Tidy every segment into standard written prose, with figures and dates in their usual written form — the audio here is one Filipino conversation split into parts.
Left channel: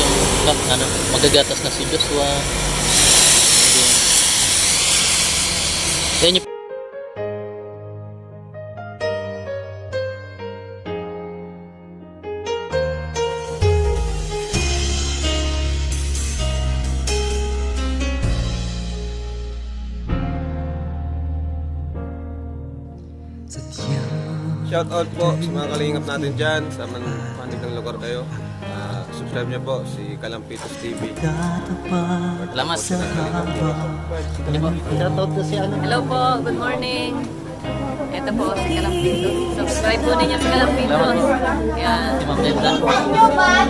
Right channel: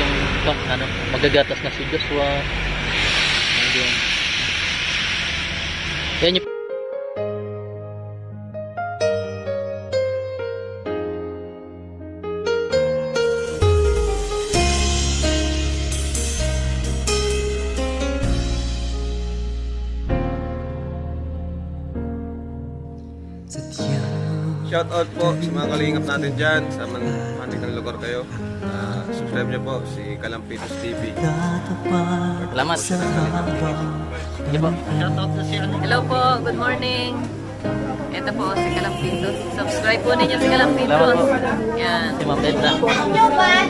yung ano, magagatas na si Joshua. Ayun. Yan yung Shout out po sa mga kalingap natin dyan sa manig ng lugar kayo. Subscribe nyo po si Kalampitos TV. salamat. Hello po, good morning. Ito po si Kalampitos. Subscribe po ninyo si Kalampitos. Yan. Si Ma'am Belda.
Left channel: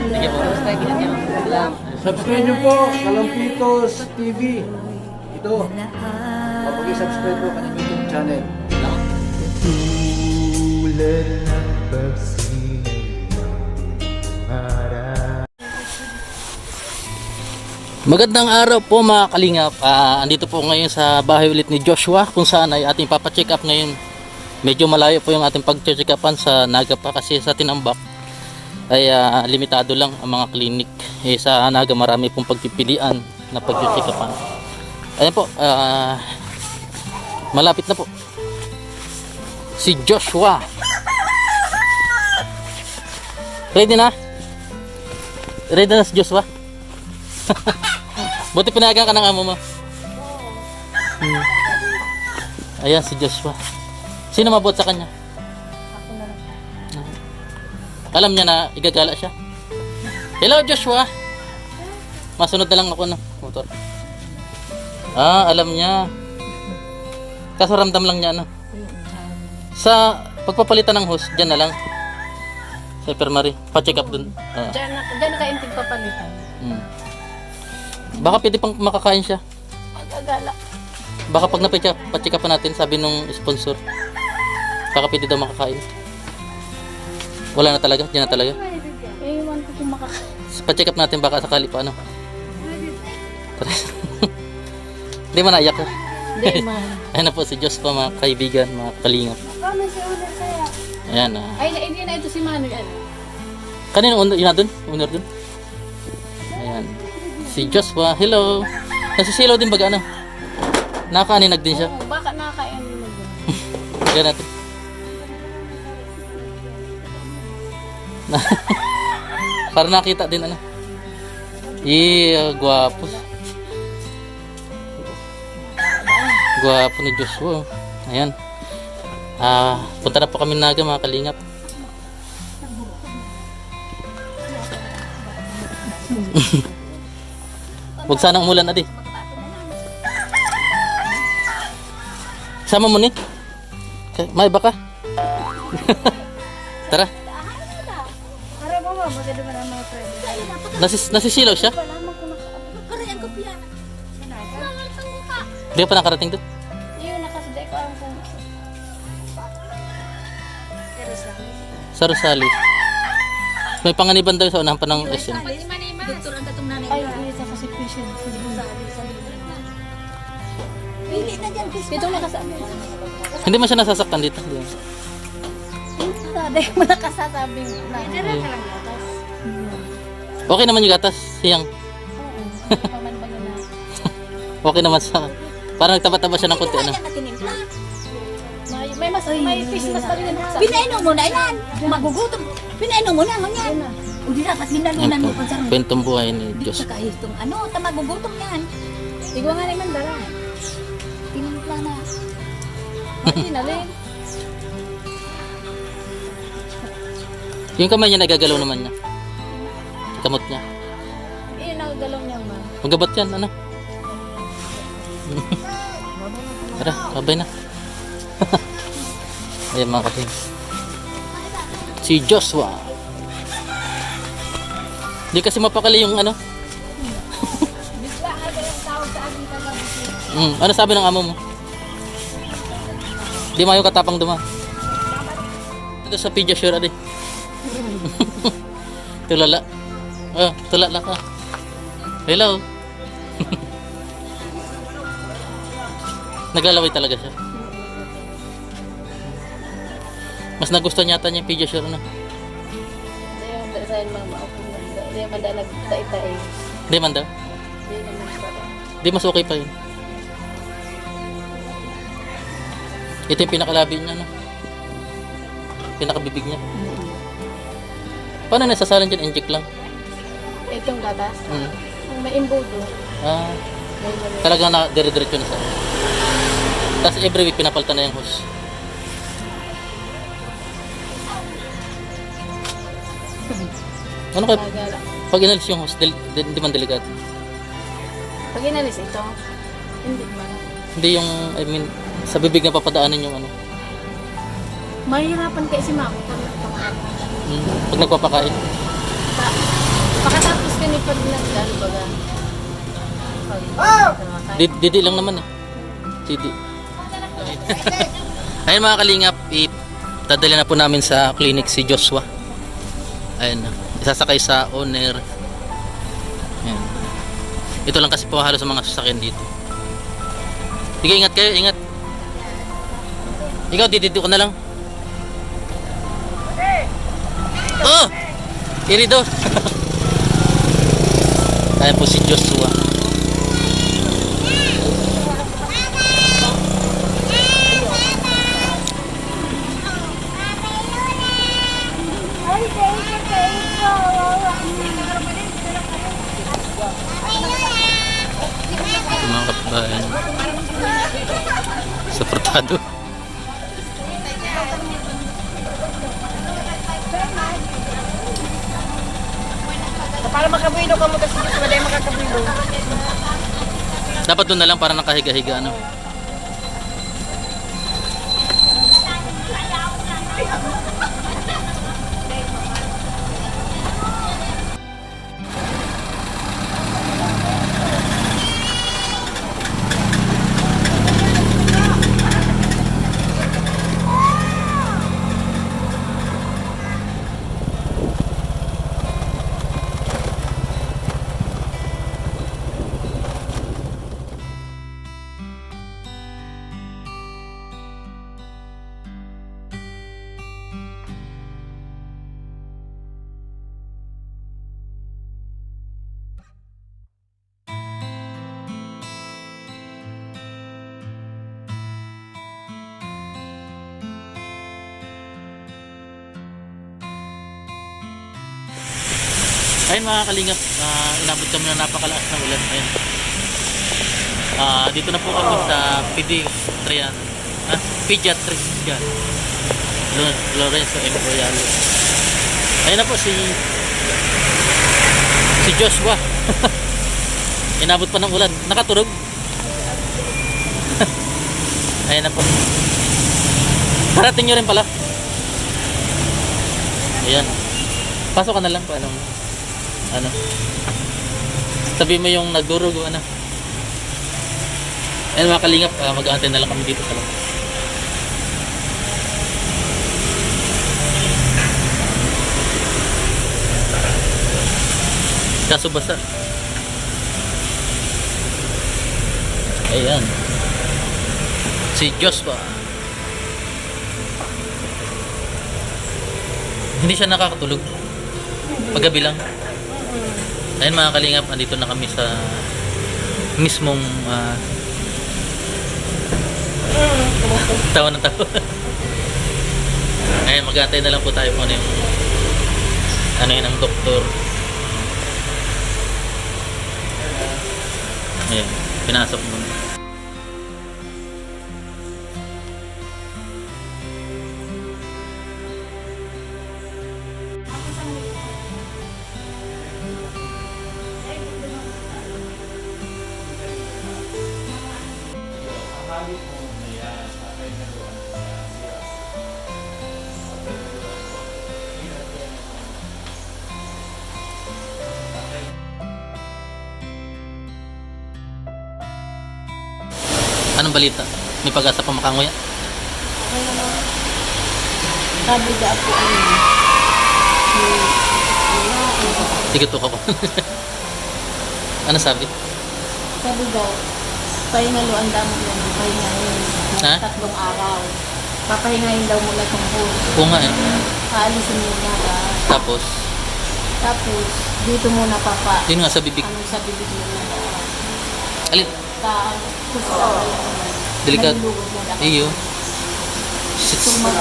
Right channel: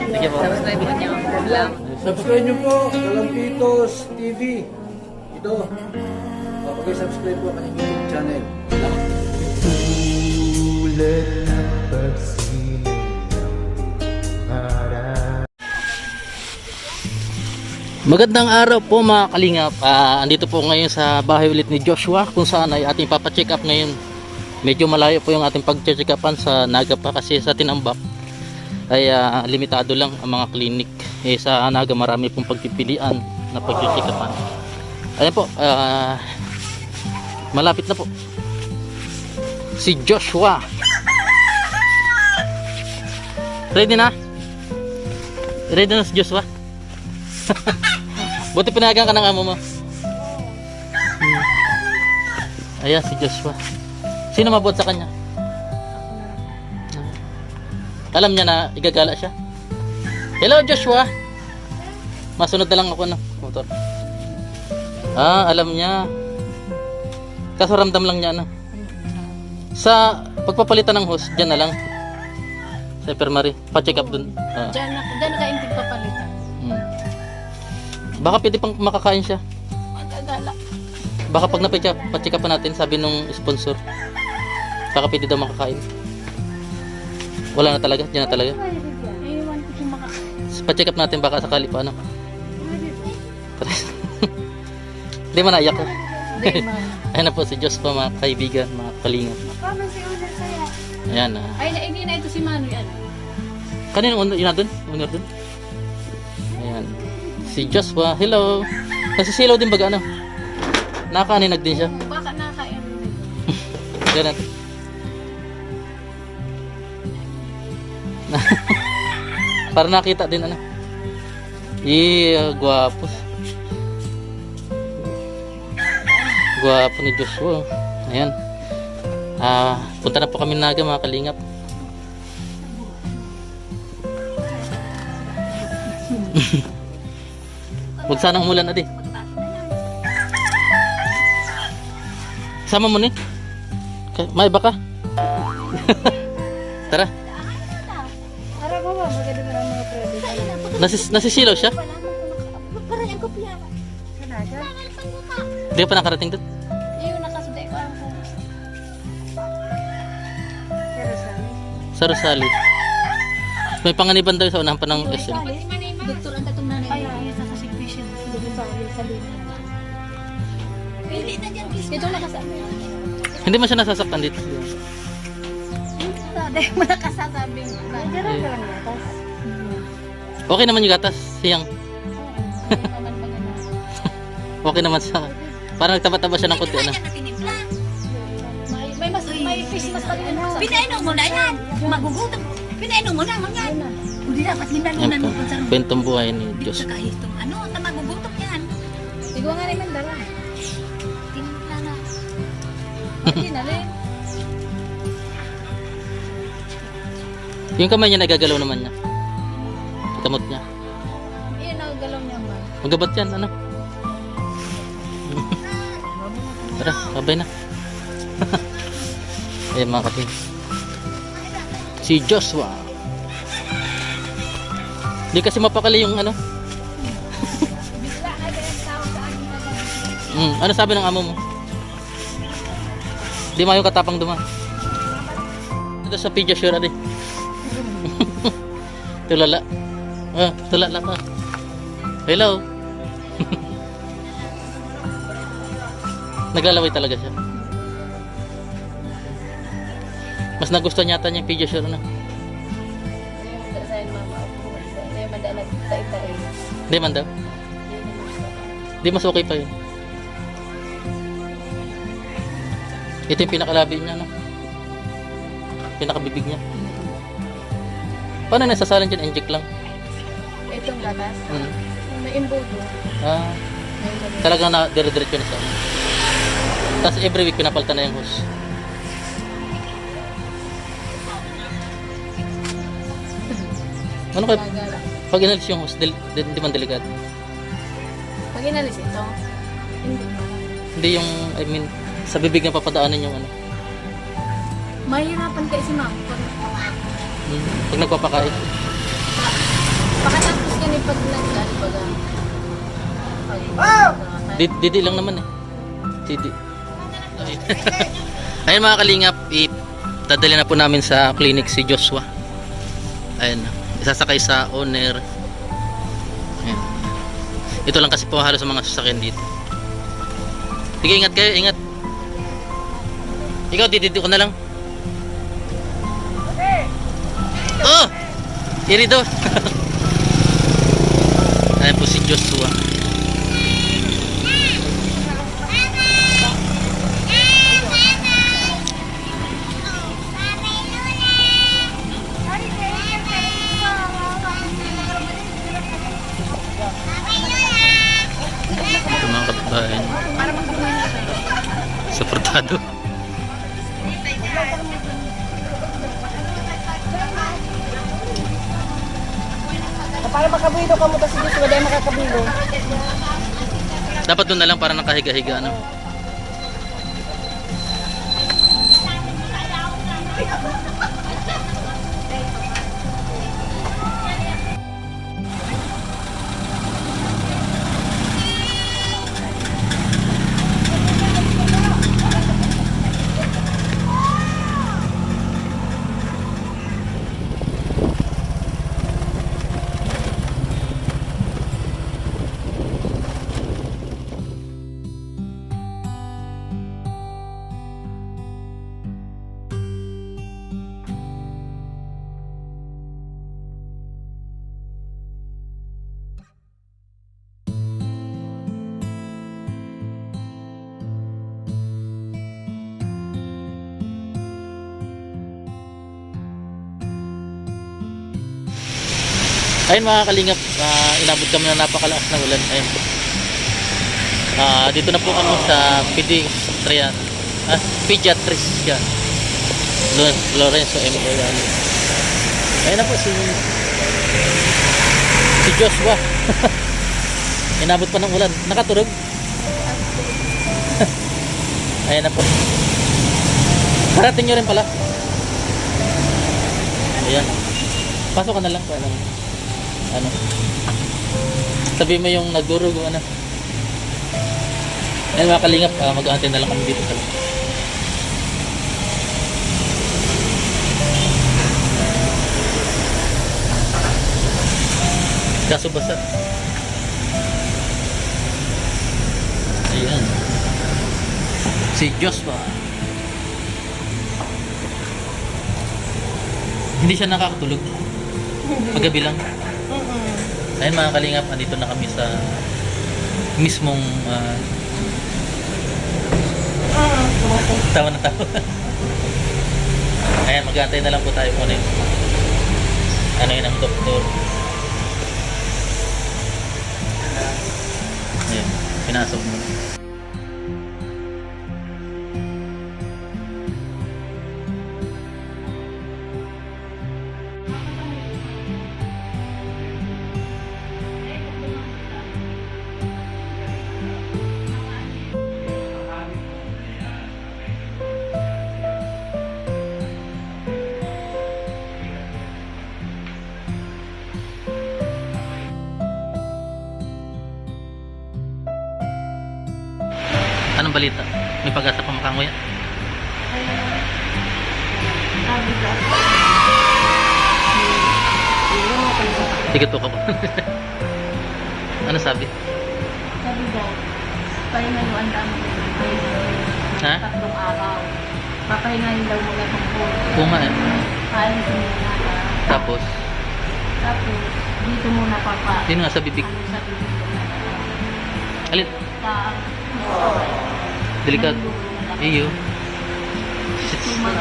Sige po. Subscribe ninyo. Salamat. Subscribe nyo po, Kalampitos TV. Ito, kapag-subscribe po kanyang YouTube channel. Salamat. Tulad ng pagsinig ng bintang araw. Magandang araw po mga kalingap. Andito po ngayon sa bahay ulit ni Joshua kung saan ay ating papacheck up ngayon. Medyo malayo po yung ating pag-check upan sa Naga pa kasi sa Tinambak ay limitado lang ang mga klinik. Sa Naga marami pong pagpipilian na pag-check upan. Ayan po, malapit na po si Joshua. Ready na? Ready na si Joshua? Buti pinayagan ka ng amo mo. Ayan si Joshua. Sino mabuot sa kanya? Alam niya na igagala siya. Hello Joshua. Masunod na lang ako ng motor. Alam niya. Kaso ramdam lang niya sa pagpapalitan ng hose, dyan na lang. Sa Permari, pa-check up dun. Diyan na kaintig papalitan. Baka pwede pang makakain siya. Magagala. Baka pag pa-check up natin, sabi nung sponsor, baka pwede daw makakain. Wala na talaga, dyan na talaga. Iwan ko kung makakain. Pa-check up natin, baka sakali pa ano. Hindi man naiyak ko. Hindi man. Ayan na po si Diyos pa mga kaibigan, mga kalingap. Ano si Uner kaya? Ayan Ay, hindi na ito si Manoy. Ano? Kaninong unor, yun na dun? Unor dun? Ayan. Si Joshua, hello. Nasisilaw din baga ano? Nakaaninag din siya. Baka nakakain mo doon. Tignan natin. Para nakita din ano. Gwapo. Gwapo ni Joshua. Ayan. Punta na po kami Naga mga kalingap. Huwag sanang umulan na di. Sama mo nun. May baka. Tara. Nasisilaw siya? Hindi pa nakarating doon. Yun, nakasuday ko ang kung Sa Rosali. May panganiban daw sa unahan pa ng SM. doktor ang tatong nanay. Ay, isa kasi patient. Hindi sa Pili na dyan, Chris. Ito nakasama. Hindi man siya nasasaktan dito. Sabi mo nakasasabing na. Dira ka lang gatas. Okay naman yung gatas. Siyang. Oo. Pamanbang na. Okay naman sa parang nagtaba-taba siya ng konti ano. May fish mas pa rin ako. Pinainom mo na yan. Magugutom. Pinainom mo na yan. Hindi dapat ginalinan mo kung saan. Kwentong buhay ni Diyos. Sa kahitong ano, magugutom yan. Igwa nga naman dara. Tinimpla na. Hindi na rin. Yung kamay niya nagagalaw naman niya. Kamot niya. Eh, nagagalaw niya man. Magabat yan ano. Tara, sabay na. Ayan mga kapin. Si Joshua. Hindi kasi mapakali yung ano. Bigla ay yung tawag sa akin kagabi. Ano sabi ng amo mo? Di mayo katapang duman. Ito sa Pediasure adi. Tulala. Tulala ka. Hello. Naglalaway talaga siya. Mas nagustuhan yata niya yung Pediasure na. Ayun, sa mama ako. Hindi madalag tae-tae. Hindi man daw. Hindi naman ba? Di mas okay pa yun. Ito yung pinakalabi niya, no? Pinakabibig niya. Paano nasasalan dyan? Inject lang. Itong gatas. Hmm. May imbudo. Ah, May mali. talagang na dire-diretso na siya. Tapos every week pinapalitan na yung hose. Ano kaya Bagal. pag inalis yung hose, hindi man delikado? Pag inalis ito, hindi man. Hindi yung, I mean, sa bibig na papadaanin yung ano. Mahirapan kayo si mami kung nagpapakain. Pag nagpapakain. Pakatapos ka ni pag nagdan, baga. Didi lang naman eh. Didi. Ayun mga kalingap, itadali na po namin sa clinic si Joshua. Ayun na. Isasakay sa owner. Ayun. Ito lang kasi po halos sa mga sasakyan dito. Sige, ingat kayo, ingat. Ikaw, didito ko na lang. Oh! Irido. Ayun po si Joshua. Ito mga kapitbahay. Suportado. Para makabilo ka mo kasi dito, wala yung makakabilo. Dapat doon na lang para nakahiga-higa ano. Ayun mga kalingap, inabot kami ng napakalakas na ulan. Ayun. Dito na po kami sa pediatrician Lorenzo M. Royale. Ayun na po si Joshua. Inabot pa ng ulan. Nakaturog. Ayun na po. Karating nyo rin pala. Ayan. Pasok ka na lang kung ano. Sabi mo yung nagdurog o ano. Ayun mga kalingap, mag-aantay na lang kami dito sa labas. Kaso basa. Ayan. Si Joshua. Hindi siya nakakatulog. Paggabi lang. Ayun mga kalingap, andito na kami sa mismong tawa na tawa. Ayun, mag-aantay na lang po tayo kung ano yun ang doktor. Ayun, pinasok muna. Anong balita? May pag-asa pa makanguya? Okay naman. Sabi ka ako Sige to ko. Ano sabi? Sabi daw, pahingaluan daw mo yan. Pahingaluan. Ha? 3 araw. Papahingayin daw muna tungkol. Oo nga eh. Aalisin muna ka. Tapos, Tapos, Dito muna papa. Yun nga sa bibig. Ano sa bibig mo na. Alin? Pa. Delikado. Malulugod na dapat. Iyo. Tumago.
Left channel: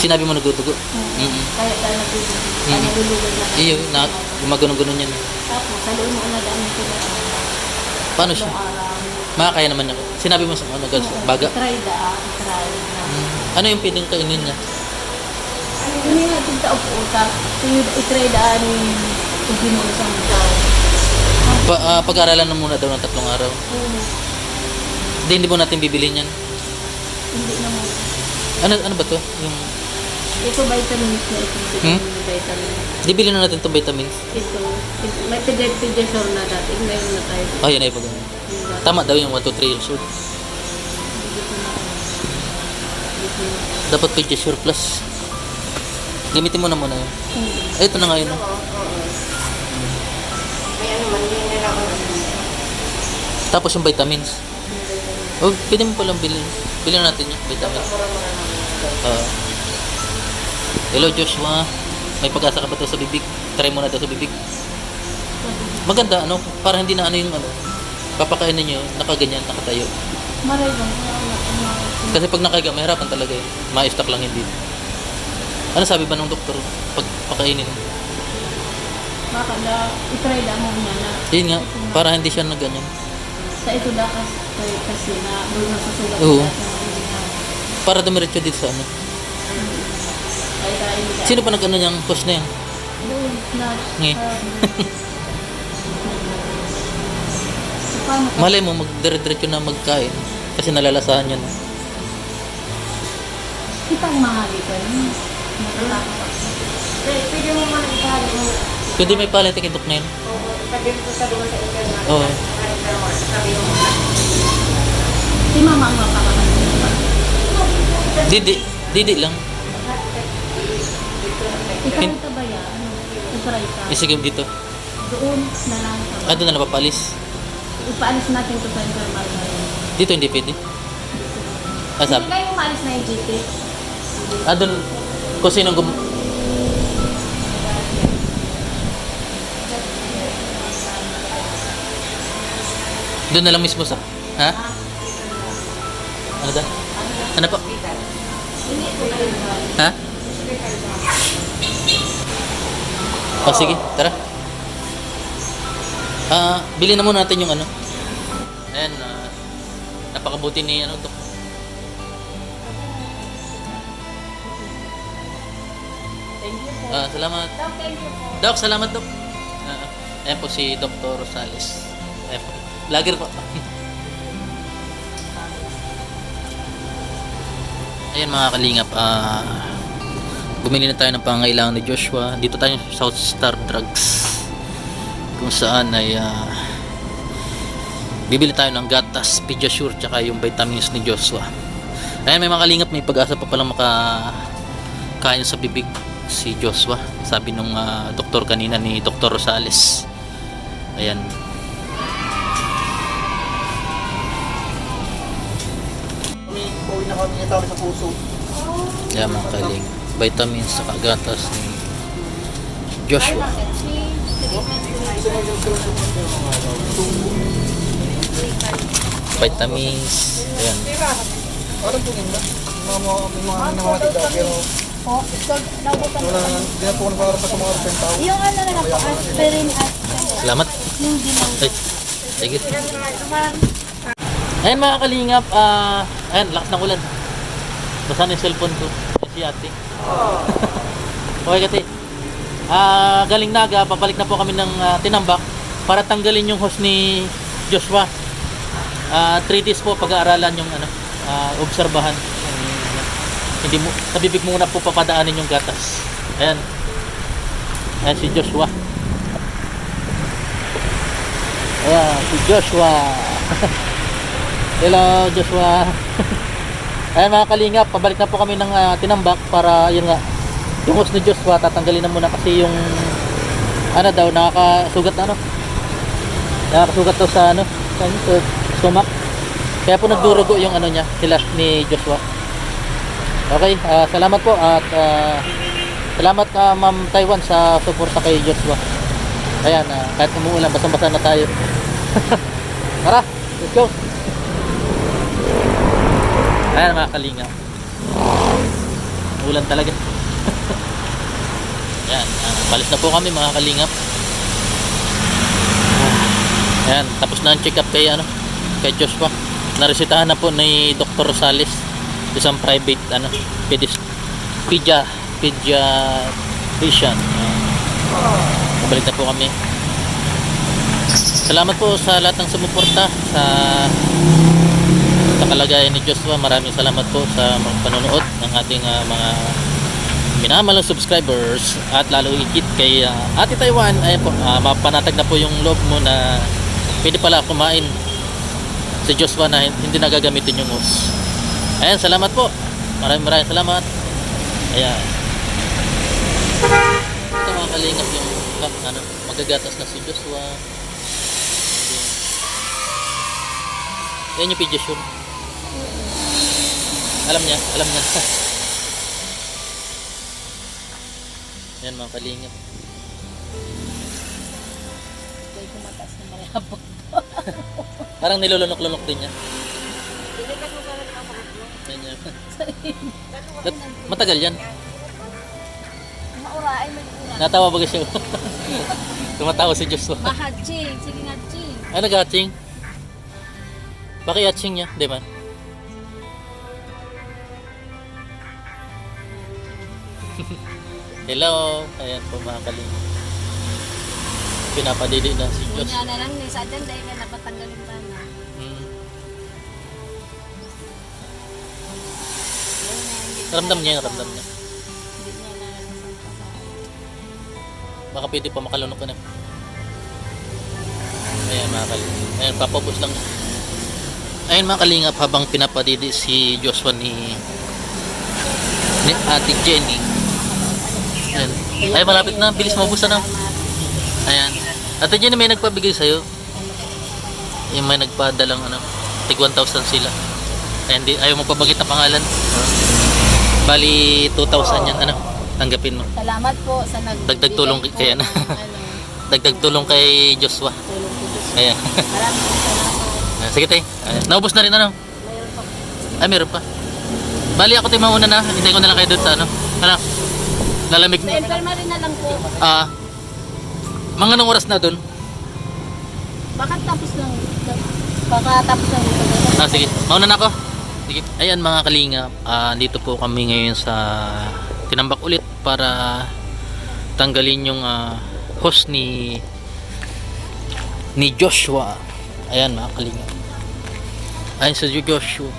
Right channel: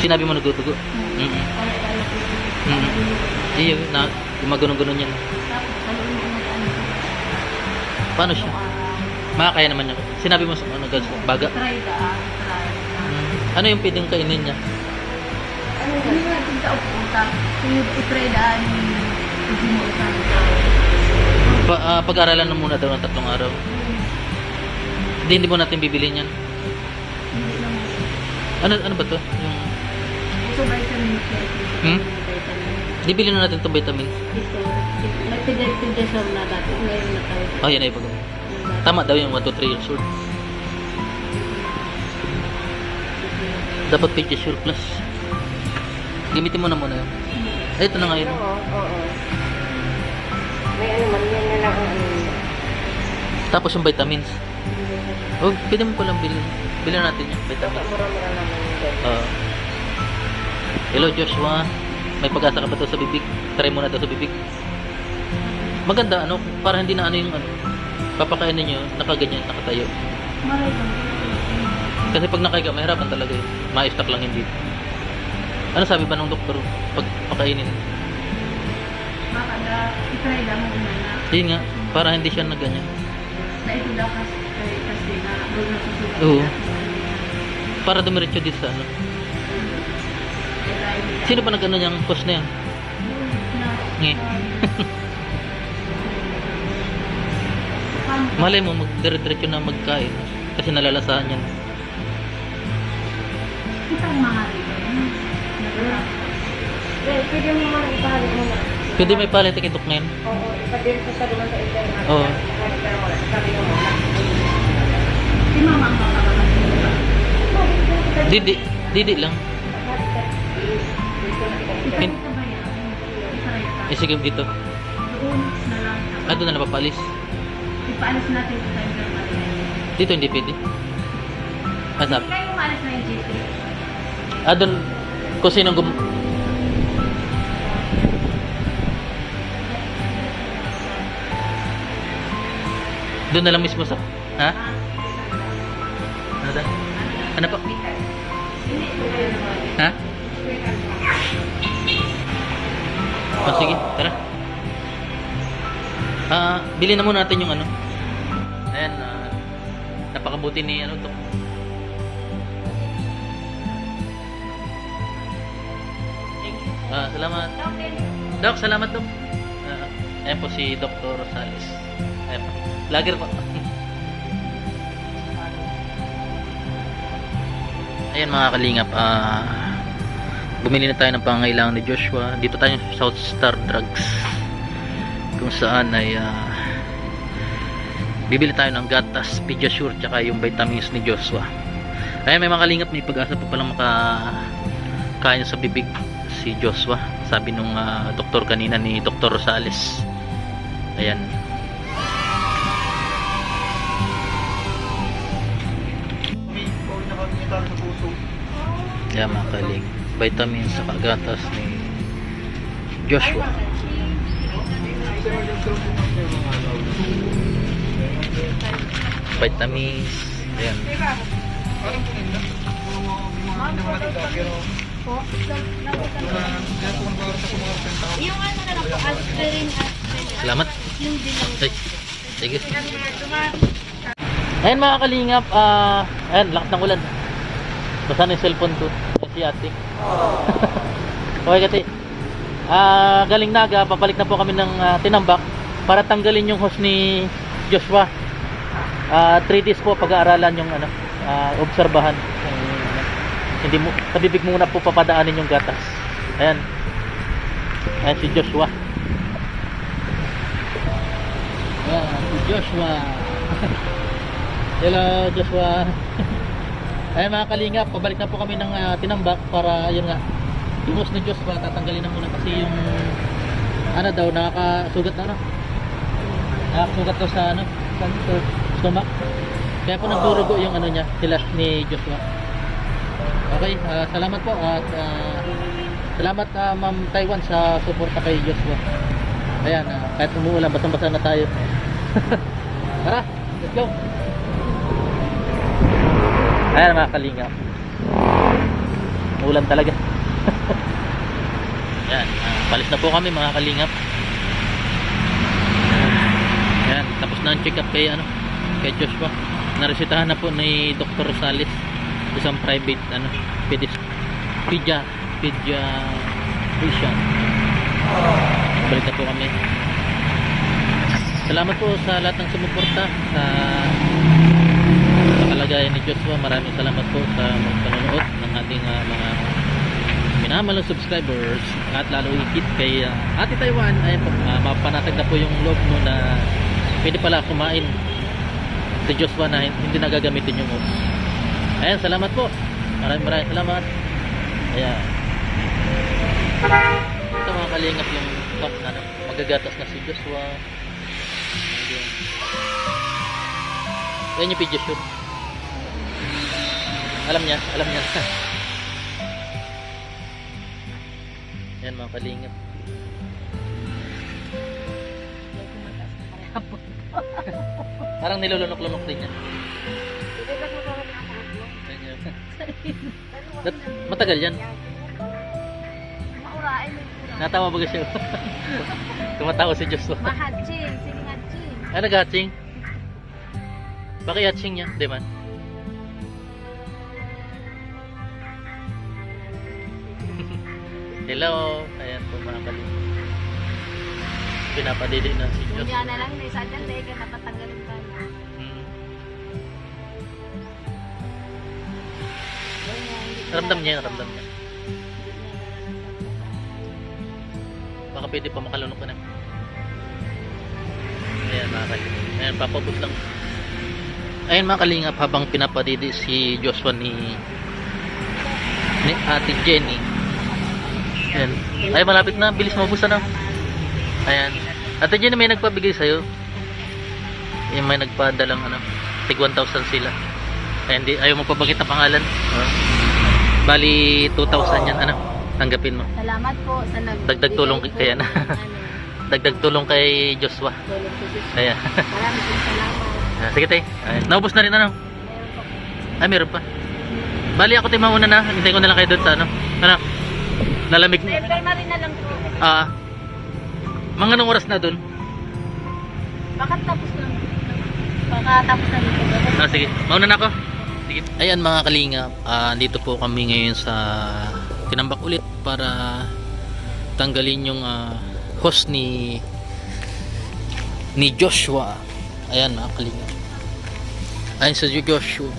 Sinabi mo nagdudugo. Kaya tayo nagdudugo. Mm. Malulugod na. Iyo, na gumagano-gano yan. Tapos, sa loob mo na daan sila. Paano siya? Makakaya naman niya. Sinabi mo sa ano, baga. Try try. Ano yung pwedeng kainin niya? Hindi nga ito kaupo-utap. I-try daan yung ginuusan ko. Pag-aralan na muna daw ng 3 araw. Hindi mo natin bibilihin yan. Hindi naman. Ano ba to? Yung, Ito vitamins na ito. Vitamins. di bilhin na natin itong vitamins. Ito. May pediatrician na dati. Ngayon na tayo. Ah, yan ay pag tama daw yung 1 to 3 years old. Dapat Pediasure Plus. Gamitin mo na muna yun. Ay, ito na nga yun. May ano man yun na ako. Tapos yung vitamins. Oh, pwede mo palang bilhin. Bilhin natin yung vitamins. Hello Joshua. May pag-asa ka ba ito sa bibig? Try mo na ito sa bibig. Maganda, ano? Para hindi na ano yung ano. Papakainin nyo, nakaganyan, nakatayo. Maray bang. Kasi pag nakaga, mahirapan talaga yun. Ma-stuck lang yung bibig. Ano sabi ba ng doktor? Pag pakainin niya? Makanda, i-try da mo muna. Yun nga, para hindi siya na ganyan. Sa ito da kasi na doon na susulat. Oo. Para dumiretso dito sa ano. Ay dahil nila. Sino pa nag-ano niyang post na yan? Doon na. Eh. Paano ka? Malay mo, magdire-diretso na magkain. Kasi nalalasahan niya na. Kitang mga dito. Natatapos. Pwede mo man ipahalik mo na. Pwede may palit kay Dokmen? Oo. Pwede mo sa doon sa internet. Oo. Sabi mo muna. Si mama ang makakapagod. Didi lang. Ikaw ito ba yan? I-try ka. Sige dito. Doon na lang. Doon na napapalis. Ipaalis natin ito sa internet. Dito hindi pwede. Hindi Sabi. kayo umalis na yung GP. Doon, kung sinong doon na lang mismo sa... Ha? Ano ba? Ano pa? Ha? Oh, sige, tara. Bilhin na muna natin yung ano. Ayan, napakabuti ni ano, Dok. Salamat. Dok, salamat, Dok. Ayan po si Dr. Rosales. Ayan po. Lager po. Ayan mga kalingap, bumili na tayo ng pangailangan ni Joshua. Dito tayo sa South Star Drugs, kung saan ay bibili tayo ng gatas, Pediasure, tsaka yung vitamins ni Joshua. Ayan, may mga kalingap, may pag-asa pa palang makakain sa bibig si Joshua, sabi nung doktor kanina ni Dr. Rosales. Ayan. Ayan mga kalingap, vitamins sa gatas ni Joshua. Vitamins. Ayan. Yung ano na lang po, aspirin at Salamat. yung dilang. Ay. Thank you. Ayan mga kalingap, ayan, lakas ng ulan. Basta na yung cellphone ko. Ayan si ate. Okay kati. Galing Naga, papalik na po kami ng Tinambak para tanggalin yung host ni Joshua. 3 days po pag-aaralan yung ano, obserbahan. Hindi mo, sa bibig muna po papadaanin yung gatas. Ayan. Ayan si Joshua. Ayan, si Joshua. Hello, Joshua. Ayan mga kalingap, pabalik na po kami ng Tinambak para yun nga, yung host ni Joshua tatanggalin na muna kasi yung ano daw, nakakasugat na ano. Nakakasugat to sa ano, sa stomach. Kaya po nagdurugo yung ano niya, sila ni Joshua. Okay, salamat po at salamat ka Ma'am Taiwan sa suporta kay Joshua. Ayan, kahit umuulan, basang-basa na tayo. Tara, let's go. Ayan mga kalingap. Ulan talaga. Ayan, balis na po kami mga kalingap. Ayan, tapos na ang check up kay kay Joshua. Naresetahan na po ni Dr. Rosales, isang private pediatrician. Balik na po kami. Salamat po sa lahat ng sumuporta sa kalagayan ni Joshua. Maraming salamat po sa panonood ng ating mga minamalang subscribers, at lalo higit kay Ate Taiwan. Ayan po, mapanatag na po yung loob mo na pwede pala kumain si Joshua na hindi nagagamitin yung hose. Ayan, salamat po. Maraming salamat. Ayan. Ito mga kalingap yung magagatas na si Joshua. Ayan yung pediasure. Alam niya. Ayan mga kalingap. Hindi ko mataas na malapot. Parang nilulunok-lunok din niya. Ayan niya. Matagal yan. Maurain mo yung ura. Natawa ba siya? Tumatawa si Joshua. Mahatching. Sige nga, ching. Ay, nag-hatching. Bakit hatching niya? Di ba? Hello. Ayan po mga kalingap. Pinapadidi na si Joshua. Kunya na lang ni sa dyan dahil ka napatanggalin pa na. Ramdam niya. Hindi niya naranasan pa Baka pwede pa makalunok ka na. Ayan mga kalingap. Ayan, papapos lang. Ayan mga kalingap, habang pinapadidi si Joshua ni Ate Jenny. Ayan. Ay, malapit na. Bilis mabus na. Ayan. Ate Jenny, may nagpabigay sa'yo. Yung may nagpadalang tig 1,000 sila. Ayan, ayaw mo pabagit na pangalan. Bali, 2,000 yan. Tanggapin mo. Salamat po sa Dagdag tulong kay dagdag tulong kay Joshua. tulong ko Diyos. Ayan. Maraming salamat. Sige tayo. Naubos na rin Ay, meron pa. Bali ako tayo mauna na. Hintay ko na lang kayo doon sa lalamig. Sa infirmary na lang po. Mga anong oras na doon? Baka tapos lang. Baka tapos lang. Sige. Mauna na ako. Sige. Ayan mga kalingap. Dito po kami ngayon sa Tinambak ulit para tanggalin yung hose ni Joshua. Ayan mga kalingap. Ayan sa Joshua.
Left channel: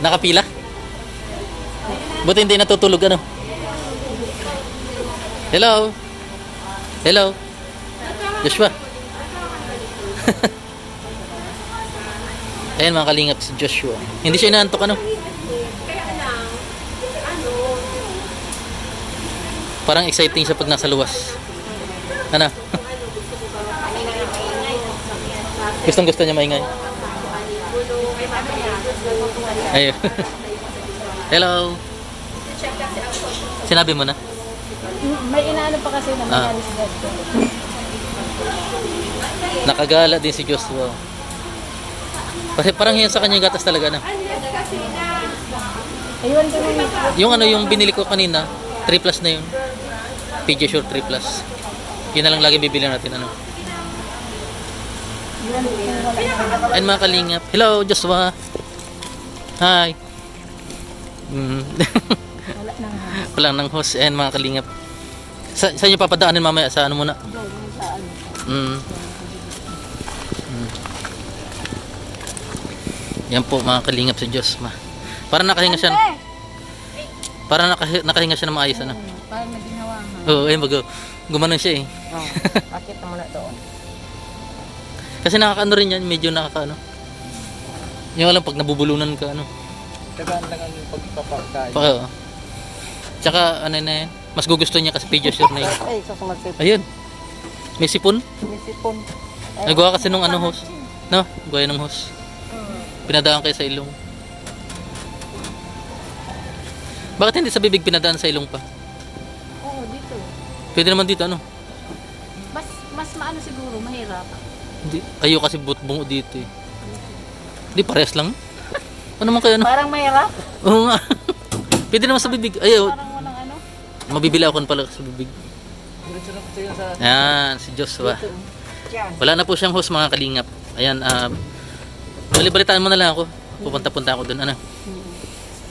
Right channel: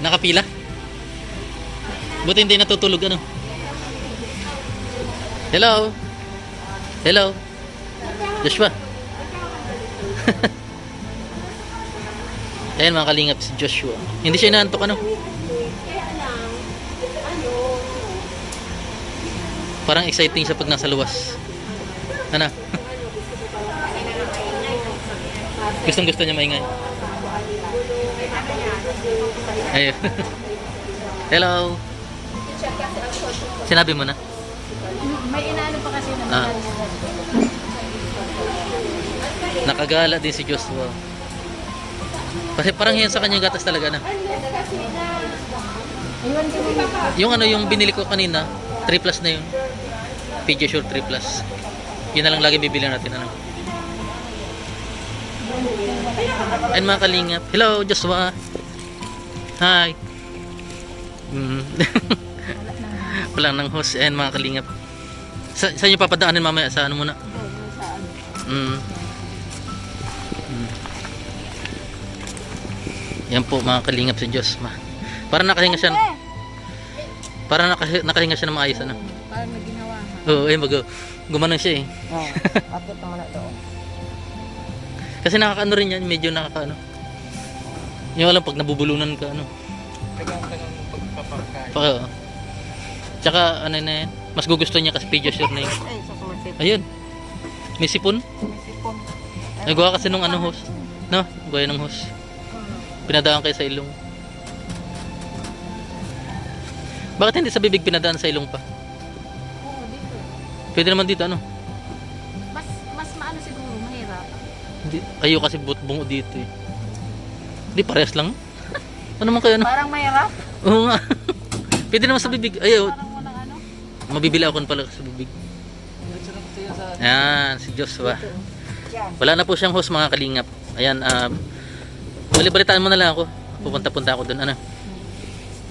Nakapila? Buti hindi natutulog Hello? Joshua? Ayan mga kalingap si Joshua. Hindi siya inaantok Parang exciting siya pag nasa luwas. Gustong gusto niya maingay. Ayun. Hello. Sinabi mo na? May inaano pa kasi na nangyari sa Joshua. Nakagala din si Joshua. Kasi parang yan sa kanya gatas talaga Ayun ko Yung yung binili ko kanina, 3 plus na yun. Pediasure 3 plus. Yun na lang lagi bibili natin Ayun mga kalingap. Hello Joshua. Hi. Wala nang host. Ayun mga kalingap. Saan nyo papadaanin mamaya? Sa muna? Yan po mga kalingap si Joshua. Parang nakahinga siya. Parang nakahinga siya na maayos Parang naginawa ha. Oo, ayun gumanon siya Bakit naman na doon? Kasi nakakaano rin yan, medyo nakakaano. Yung alam pag nabubulunan ka Tagaan yung pagpapakain. Tsaka na yan. Mas gugusto niya kasi pediasure na yun. Ay, susunod sipon. Ayun. May sipon. May sipon. Nagawa kasi nung hose. Gaya ng hose. Pinadaan kayo sa ilong. Bakit hindi sa bibig pinadaan sa ilong pa? Oo, dito. Pwede naman dito, ano? Mas maano siguro, mahirap. Hindi. Ayaw kasi bungo dito eh. Hindi, parehas lang. Ano naman kayo, ano? Parang mahirap. Oo nga. Pwede naman sa bibig. Ayaw. Parang walang ano. Mabibili ako pala sa bibig. Diretso na po tayo sa... Yan, si Joshua. Wala na po siyang host mga kalingap. Ayan, balibalitaan mo na lang ako. Pupunta-punta ako doon, ano.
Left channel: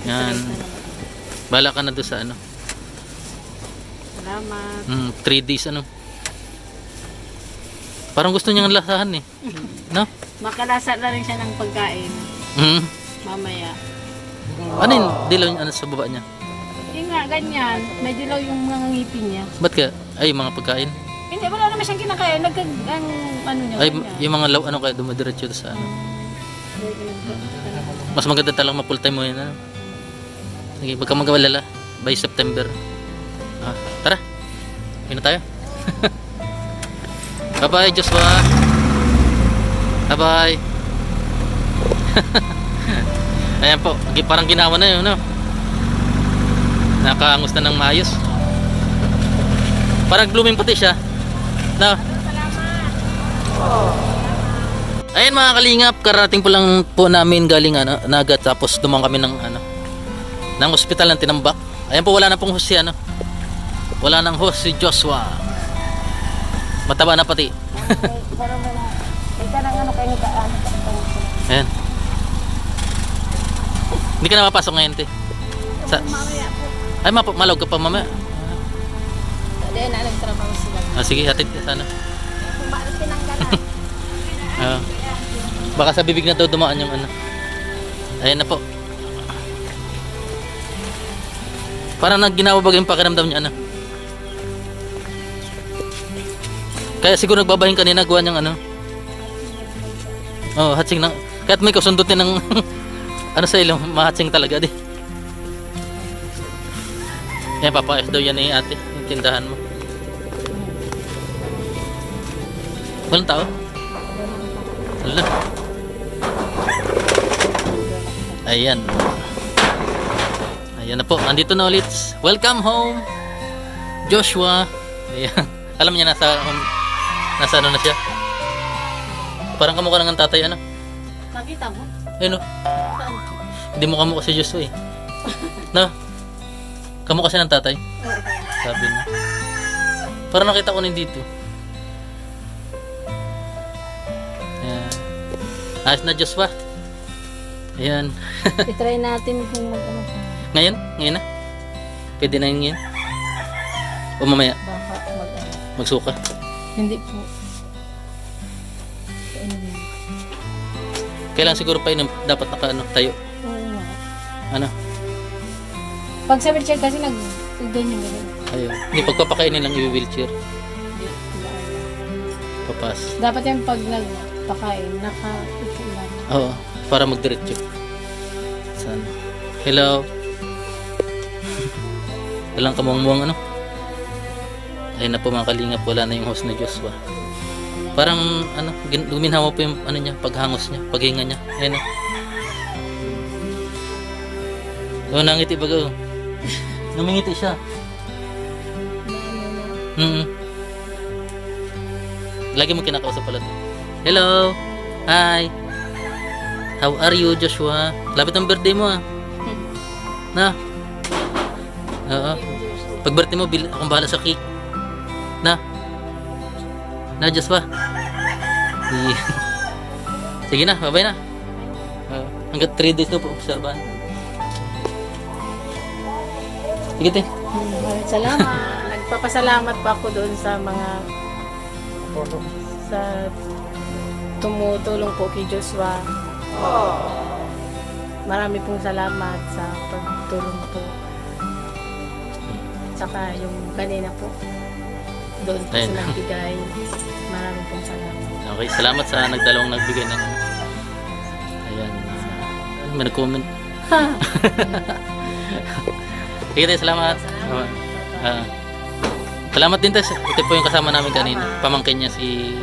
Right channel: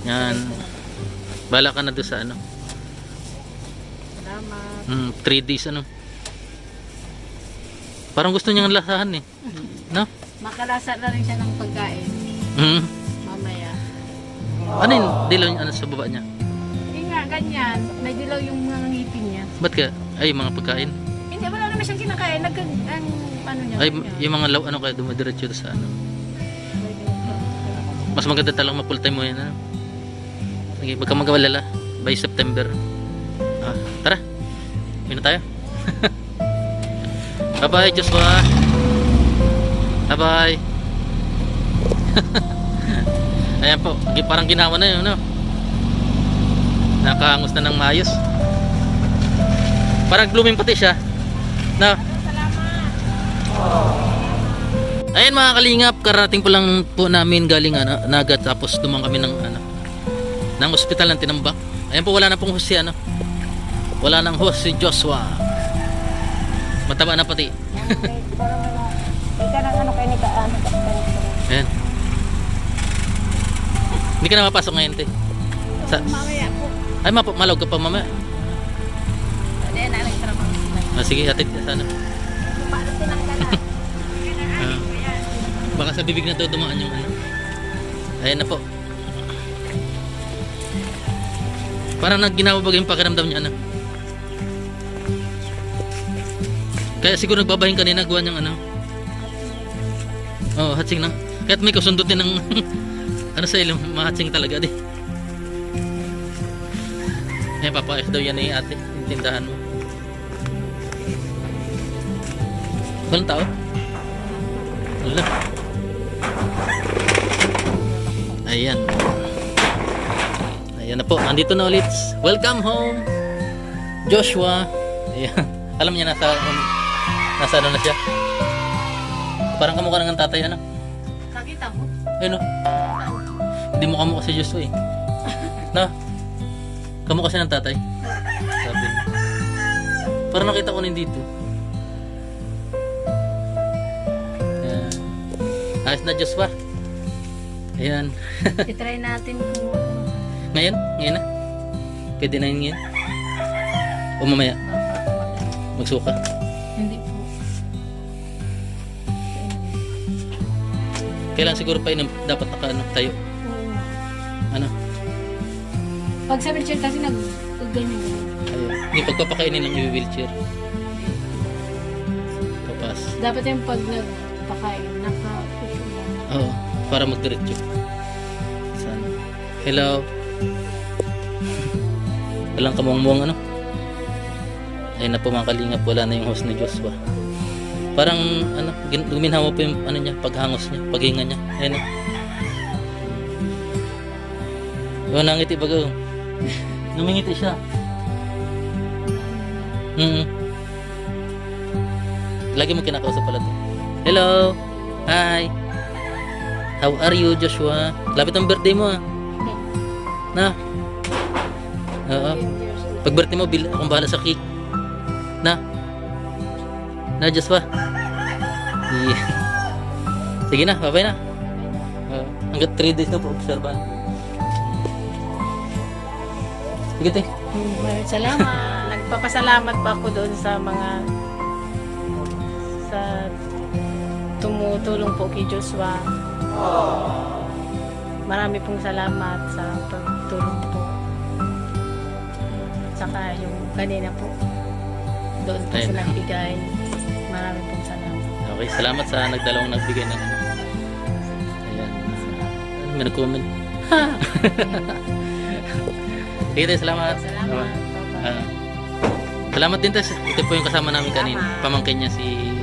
Yan. Bala ka na doon sa ano. Salamat. 3 days, ano. Parang gusto niyang lasahan eh. No? Makalasa na rin siya ng pagkain. Mm. Mamaya. Ano yung dilaw niya ano, sa baba niya? Yun nga, ganyan. May dilaw yung mga ngipin niya. Ba't ka? Ay, mga pagkain. Hindi, wala naman siyang kinakain. Ang ano niya. Ay, ganyan. yung mga ano kaya dumadiretso sa ano. Mas maganda talagang ma-full time mo yun. Ano? Sige, wag kang magawalala. By September. Tara. Uwi na tayo. Bye-bye, Joshua. Bye-bye. Ayan po. Parang ginawa na yun, no? Nakaangus na ng maayos. Parang blooming pati siya. No? Ayan mga kalingap, karating po lang po namin galing Naga, tapos dumang kami ng ng ospital ng Tinambak. Ayan po, wala na pong host si wala nang host si Joshua. Mataba na pati. May ka ng ano kayo ni Kaano. Ayan. Hindi ka na mapasok ngayon, te. Mamaya po. Ay, malawag ka pa mamaya. Hindi, naalagtrabaho sila. Sige, hatid ka sana. Para tinanggalan. Baka sa bibig na daw dumaan yung Ayan na po. Parang nagginawa bagay yung pakiramdam niya Kaya siguro nagbabahin kanina, gawa niyang hatsing na. Kahit may kasundot din ng sa ilong, mahatsing talaga di. Ayan, papayos daw yan ate, yung tindahan mo. Walang tao? Wala. Ayan. Ayan na po, andito na ulit. Welcome home, Joshua. Ayan. Alam niya nasa ano na siya. Parang kamukha ng tatay, Nakita mo? Ayun, hindi mo kamukha si Joshua eh. Na? Kamukha siya ng tatay. Sabi niya. Parang nakita ko rin dito. Ayan. Ayos na, Joshua. Ayan. I-try natin kung Ngayon? Ngayon na? Pwede na yun ngayon? O mamaya? Magsuka? Hindi po. Kailan siguro pa yun dapat tayo? Oo nga. Ano? Pag sa wheelchair kasi ganyan. Ayun. Hindi pagpapakainin lang i-wheelchair. Papas. Dapat yung pag nagpakain, naka-upo lang. Oo. Para magdiretso. Sana. Hello. Walang kamuang-muang Ayun na po mga kalingap, wala na yung host ni Joshua. Parang guminhawa po yung niya, paghangos niya, paghinga niya. Ayun na. Nangiti baga. Numingiti siya. Lagi mo kinakausap pala to. Hello. Hi. How are you, Joshua? Lapit ang birthday mo Na? Oo. Pag birthday mo, akong bahala sa cake. Na? Joshua? Yeah. Sige na, bye-bye na. Hanggat 3 days na po obserbahan. Sige, te. Maraming salamat. Nagpapasalamat pa ako doon sa mga tumutulong po kay Joshua. Marami pong salamat sa pagtulong po. Saka yung kanina po, doon po Ayun. sila nagbigay. Marami pong salamat. Okay, salamat sa nagdalawang nagbigay ng Ayan. May nag-comment. Sige, te, salamat. Salamat. Salamat din, te. Ito po yung kasama namin kanina. Pamangkin niya si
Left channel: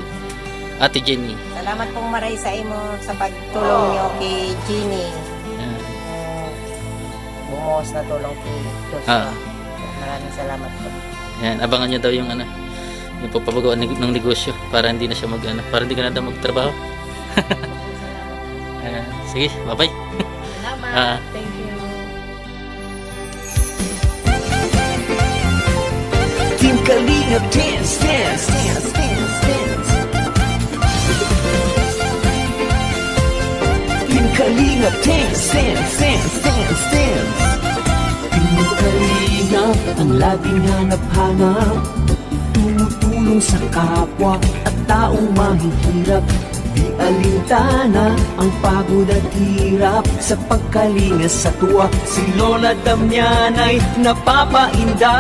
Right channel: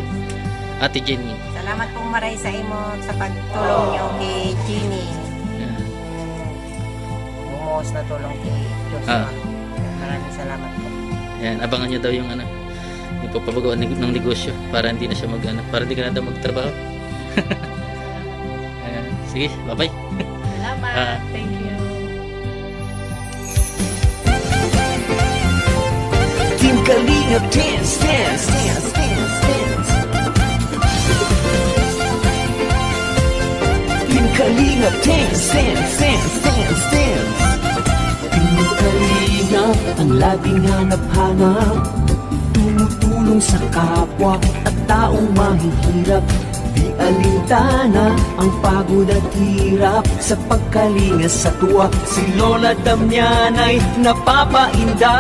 Ate Jenny. Salamat pong maray sa imo sa pagtulong niyo kay Jimmy. Ayan. lumuhos na tulong kay Joshua. Maraming salamat po. Ayan, abangan nyo daw yung ano, yung papapagawa ng negosyo para hindi na siya para hindi ka na daw magtrabaho. Ayan, sige, bye-bye. Salamat. Thank you. Team Kalingap dance, dance, dance, dance, dance. Team Kalingap dance, dance, dance, dance, dance. Team Kalingap ang laging hanap-hanap, tumutulong sa kapwa at taong mahihirap. Di alintana ang pagod at hirap sa pagkalinga sa tuwa. Si Lola Damian ay napapainda.